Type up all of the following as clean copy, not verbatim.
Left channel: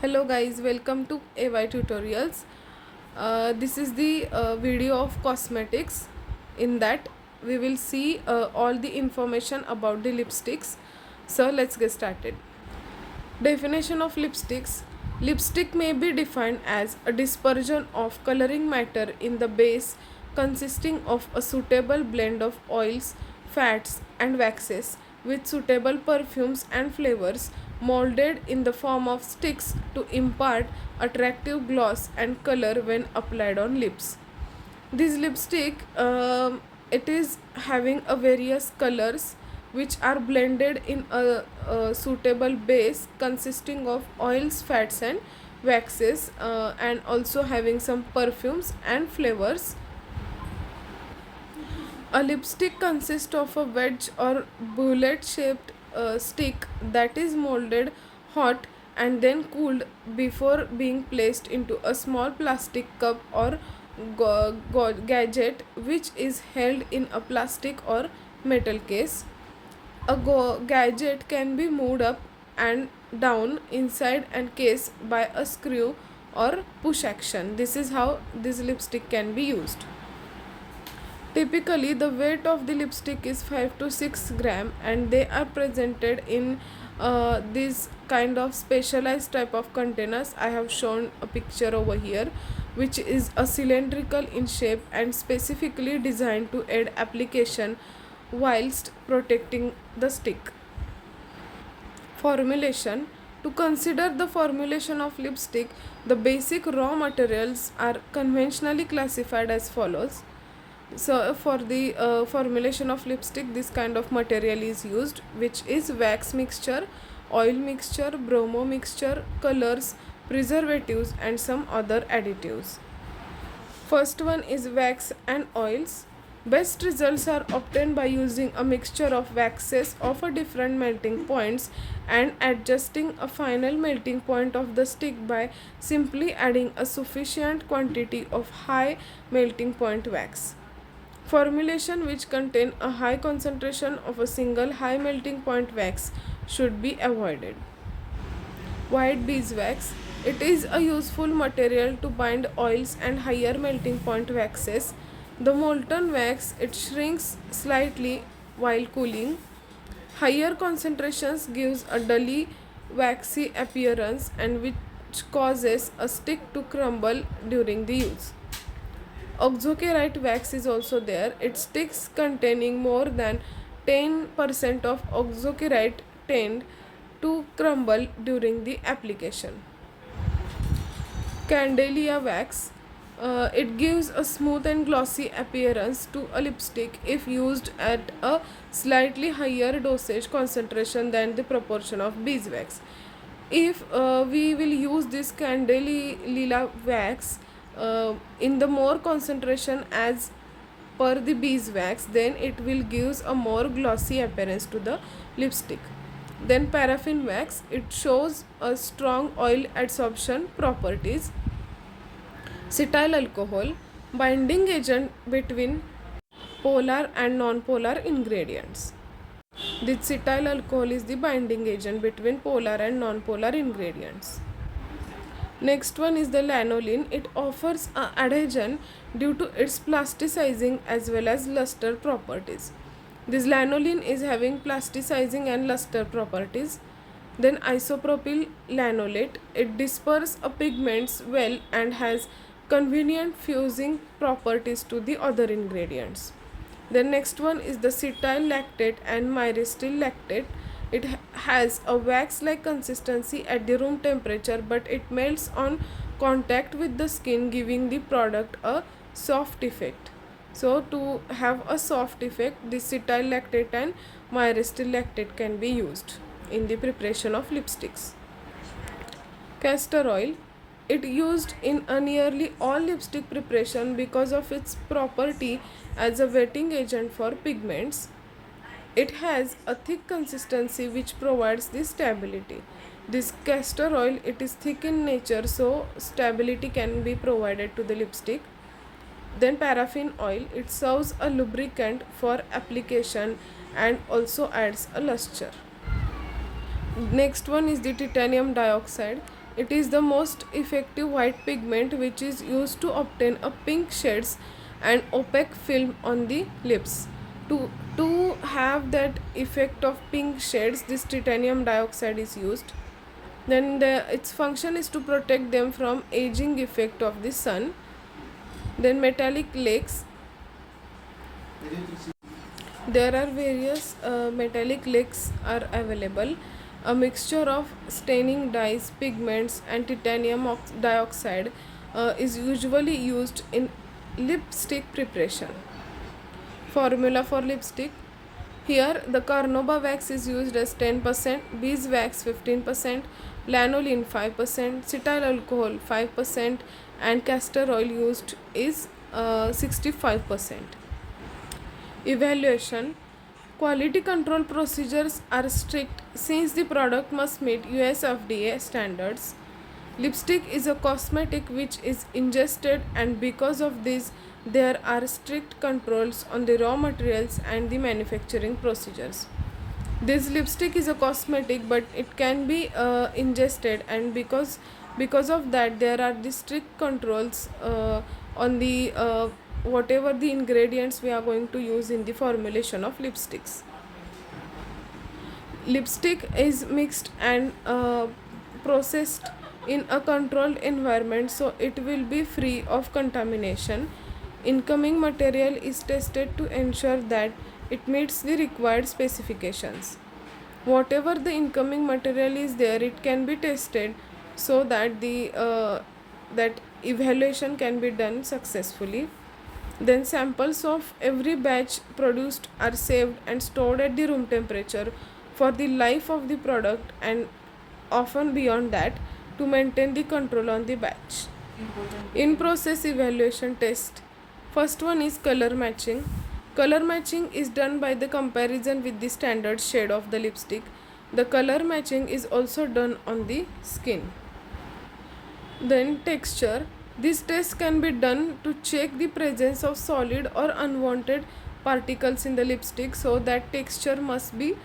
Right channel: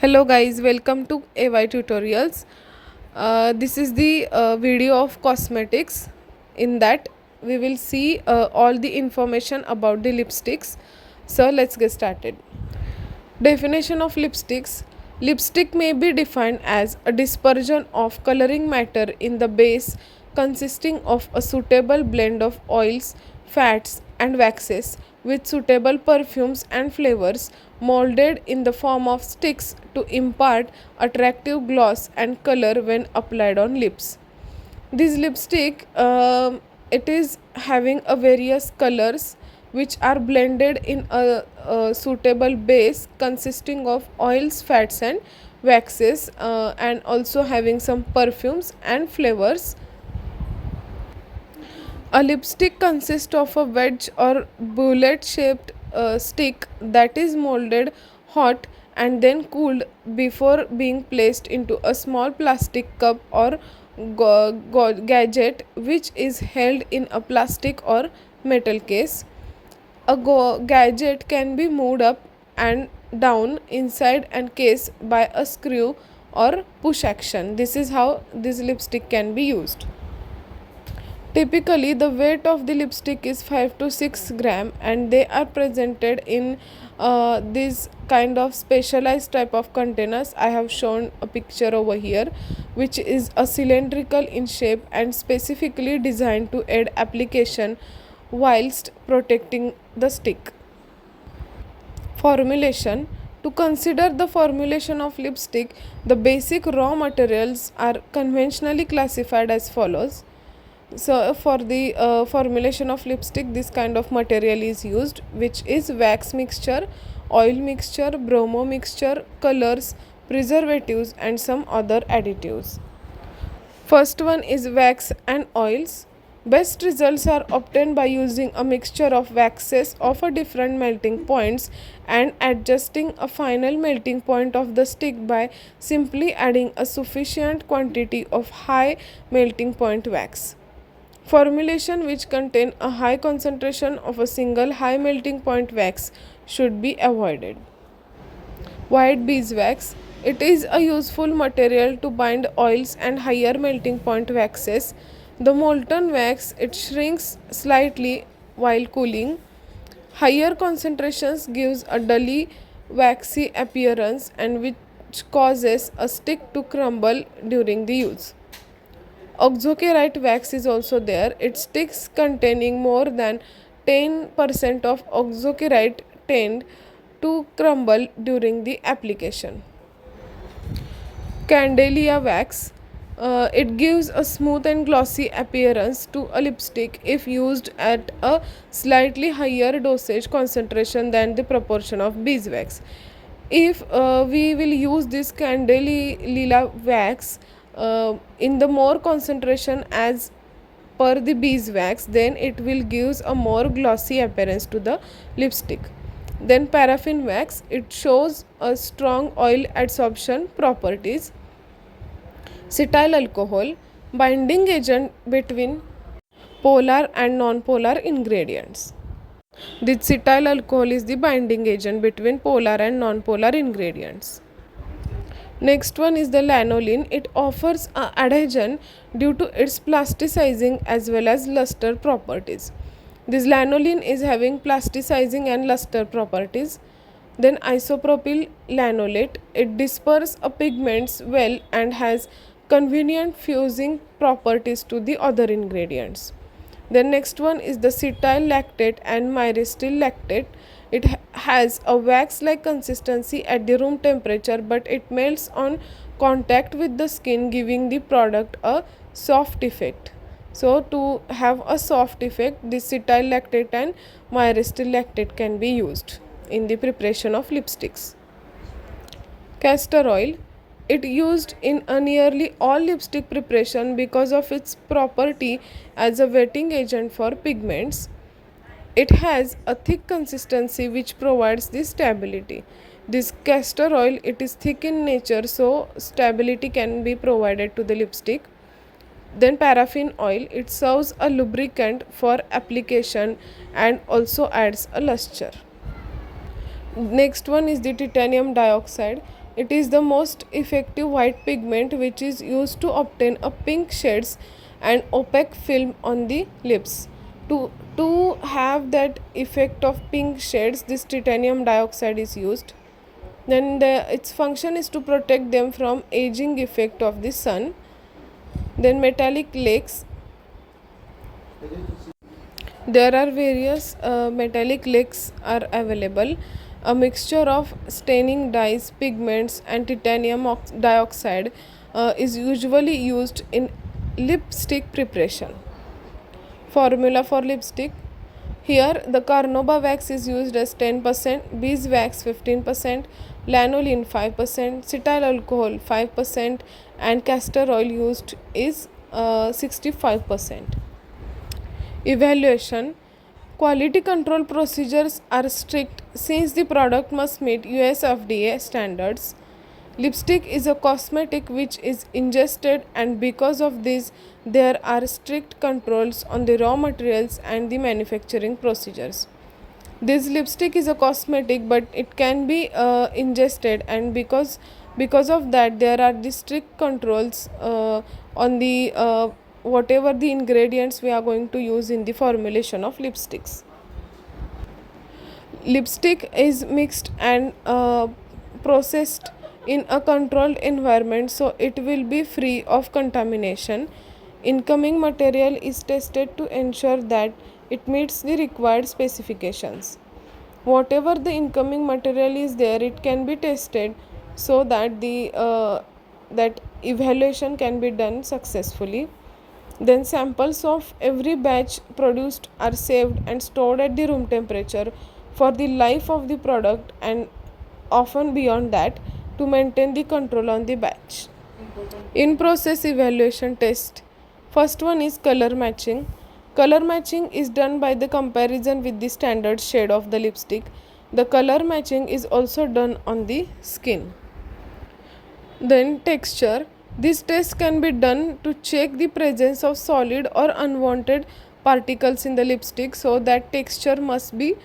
Hello guys, welcome to AY Tutorials. This is the video of cosmetics. In that we will see all the information about the lipsticks. So let's get started. Definition of lipsticks. Lipstick may be defined as a dispersion of coloring matter in the base consisting of a suitable blend of oils, fats, and waxes with suitable perfumes and flavors molded in the form of sticks to impart attractive gloss and color when applied on lips. This lipstick it is having a various colors which are blended in a suitable base consisting of oils, fats, and waxes, and also having some perfumes and flavors. A lipstick consists of a wedge or bullet shaped stick that is molded hot and then cooled before being placed into a small plastic cup or gadget which is held in a plastic or metal case. A gadget can be moved up and down inside and case by a screw or push action. This is how this lipstick can be used. Typically, the weight of the lipstick is 5 to 6 gram, and they are presented in this kind of specialized type of containers. I have shown a picture over here, which is a cylindrical in shape and specifically designed to aid application whilst protecting the stick. Formulation. To consider the formulation of lipstick, the basic raw materials are conventionally classified as follows. So for the formulation of lipstick, this kind of material is used, which is wax mixture, oil mixture, bromo mixture, colors, preservatives, and some other additives. First one is wax and oils. Best results are obtained by using a mixture of waxes of a different melting points and adjusting a final melting point of the stick by simply adding a sufficient quantity of high melting point wax. Formulation which contain a high concentration of a single high melting point wax should be avoided. White beeswax. It is a useful material to bind oils and higher melting point waxes. The molten wax it shrinks slightly while cooling. Higher concentrations gives a dully waxy appearance and which causes a stick to crumble during the use. Oxokerite wax is also there. Its sticks containing more than 10% of oxokerite tend to crumble during the application. Candelia wax. It gives a smooth and glossy appearance to a lipstick if used at a slightly higher dosage concentration than the proportion of beeswax. If we will use this Candelia wax in the more concentration as per the beeswax, then it will gives a more glossy appearance to the lipstick. Then paraffin wax, it shows a strong oil adsorption properties. Cetyl alcohol, binding agent between polar and non-polar ingredients. The cetyl alcohol is the binding agent between polar and non-polar ingredients. Next one is the lanolin. It offers adhesion due to its plasticizing as well as luster properties. This lanolin is having plasticizing and luster properties. Then isopropyl lanolate. It disperses pigments well and has convenient fusing properties to the other ingredients. The next one is the cetyl lactate and myristil lactate. It has a wax like consistency at the room temperature, but it melts on contact with the skin, giving the product a soft effect. So to have a soft effect, this cetyl lactate and myristil lactate can be used in the preparation of lipsticks. Castor oil. It used in a nearly all lipstick preparation because of its property as a wetting agent for pigments. It has a thick consistency which provides the stability. This castor oil it is thick in nature, so stability can be provided to the lipstick. Then paraffin oil, it serves a lubricant for application and also adds a luster. Next one is the titanium dioxide. It is the most effective white pigment which is used to obtain a pink shades and opaque film on the lips. To have that effect of pink shades, this titanium dioxide is used. Then its function is to protect them from aging effect of the sun. Then metallic lakes. There are various metallic lakes are available. A mixture of staining dyes, pigments, and titanium dioxide is usually used in lipstick preparation. Formula for lipstick. Here the carnauba wax is used as 10%, beeswax 15%, lanolin 5%, cetyl alcohol 5%, and castor oil used is 65%. Evaluation. Quality control procedures are strict since the product must meet US FDA standards. Lipstick is a cosmetic which is ingested, and because of this, there are strict controls on the raw materials and the manufacturing procedures. This lipstick is a cosmetic, but it can be ingested, and because of that, there are the strict controls on the whatever the ingredients we are going to use in the formulation of lipsticks. Lipstick is mixed and processed in a controlled environment, so it will be free of contamination. Incoming material is tested to ensure that it meets the required specifications. Whatever the incoming material is there, it can be tested so that the that evaluation can be done successfully. Then samples of every batch produced are saved and stored at the room temperature for the life of the product, and often beyond that, to maintain the control on the batch. In process evaluation test. First one is color matching. Color matching is done by the comparison with the standard shade of the lipstick. The color matching is also done on the skin. Then texture. This test can be done to check the presence of solid or unwanted particles in the lipstick, so that texture must be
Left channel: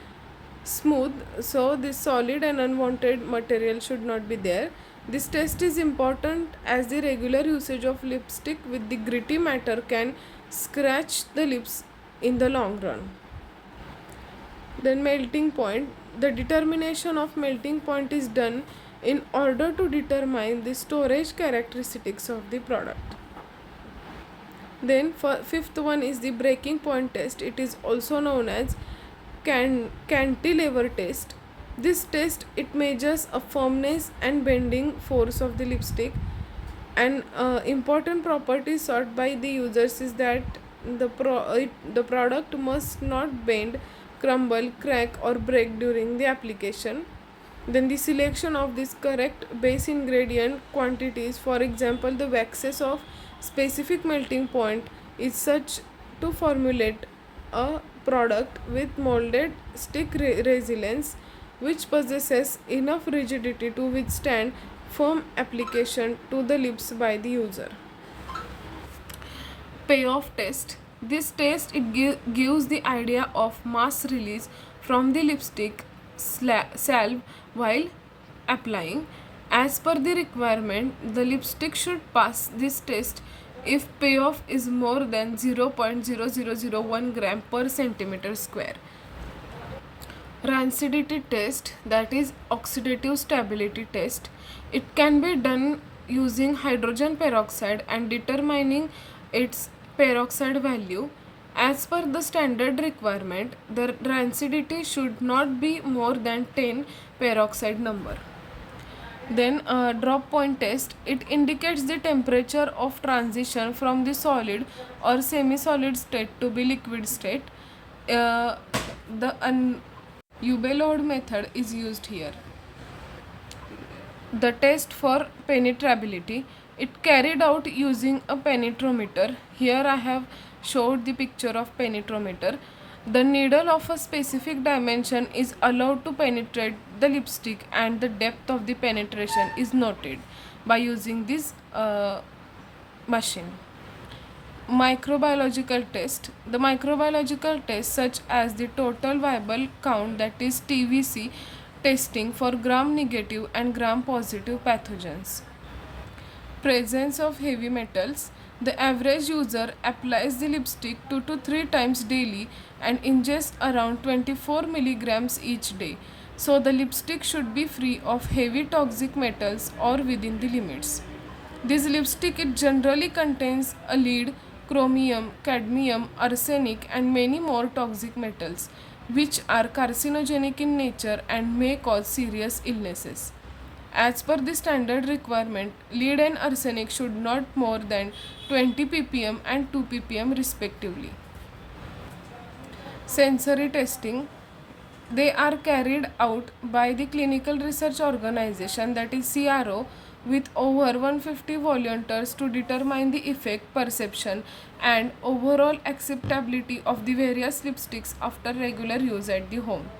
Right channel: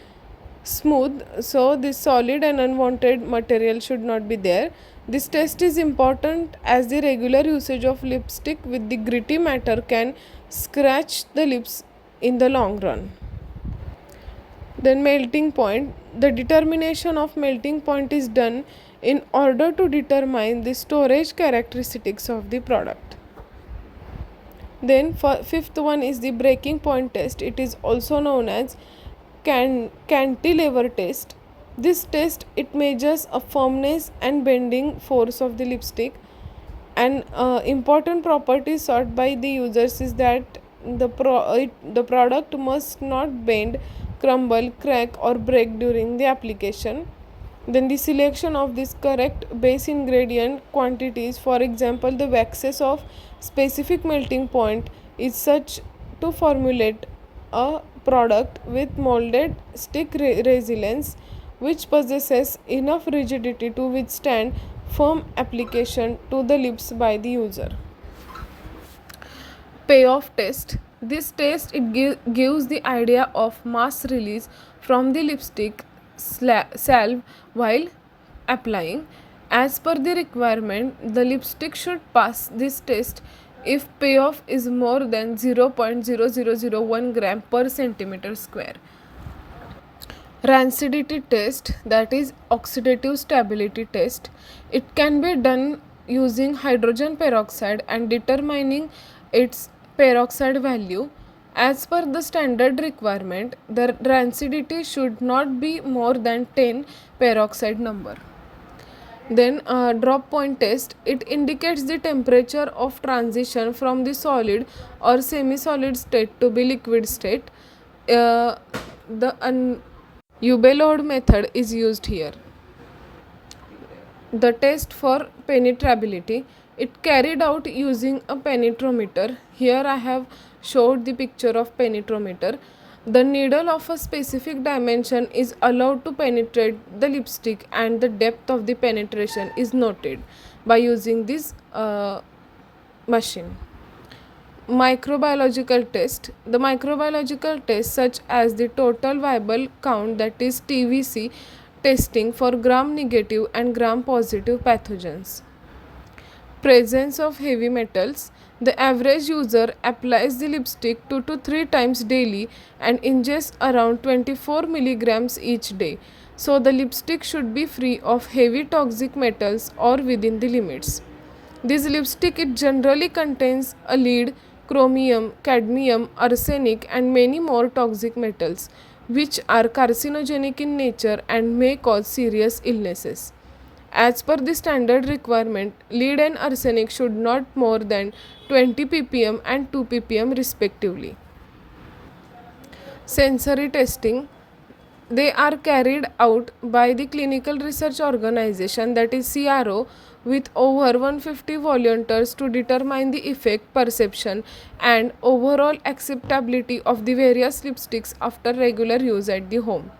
smooth, so this solid and unwanted material should not be there. This test is important as the regular usage of lipstick with the gritty matter can scratch the lips in the long run. Then melting point. The determination of melting point is done in order to determine the storage characteristics of the product. Then fifth one is the breaking point test. It is also known as cantilever test. This test, it measures a firmness and bending force of the lipstick. An important property sought by the users is that the product must not bend, crumble, crack, or break during the application. Then the selection of this correct base ingredient quantities, for example the waxes of specific melting point, is such to formulate a product with molded stick resilience which possesses enough rigidity to withstand firm application to the lips by the user. Payoff test. This test, it gives the idea of mass release from the lipstick salve while applying. As per the requirement, the lipstick should pass this test if payoff is more than 0.0001 gram per centimeter square. Rancidity test, that is oxidative stability test. It can be done using hydrogen peroxide and determining its peroxide value. As per the standard requirement, the rancidity should not be more than 10 peroxide number. Then drop point test, it indicates the temperature of transition from the solid or semi-solid state to the liquid state. The Ubelode method is used here. The test for penetrability, it carried out using a penetrometer. Here I have showed the picture of penetrometer. The needle of a specific dimension is allowed to penetrate the lipstick, and the depth of the penetration is noted by using this machine. Microbiological test. The microbiological test, such as the total viable count, that is TVC, testing for gram-negative and gram-positive pathogens. Presence of heavy metals. The average user applies the lipstick 2 to 3 times daily and ingests around 24 milligrams each day. So the lipstick should be free of heavy toxic metals or within the limits. This lipstick it generally contains a lead, chromium, cadmium, arsenic and many more toxic metals which are carcinogenic in nature and may cause serious illnesses. As per the standard requirement, lead and arsenic should not more than 20 ppm and 2 ppm respectively. Sensory testing. They are carried out by the Clinical Research Organization, that is CRO, with over 150 volunteers to determine the effect, perception and overall acceptability of the various lipsticks after regular use at the home.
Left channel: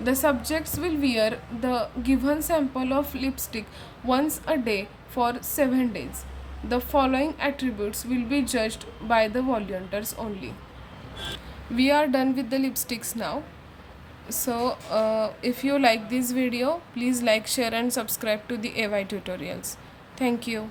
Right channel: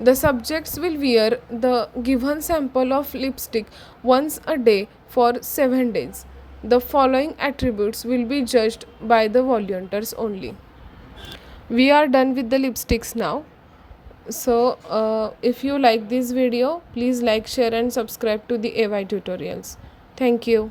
The subjects will wear the given sample of lipstick once a day for 7 days. The following attributes will be judged by the volunteers only. We are done with the lipsticks now. So if you like this video, please like, share and subscribe to the AY tutorials. Thank you.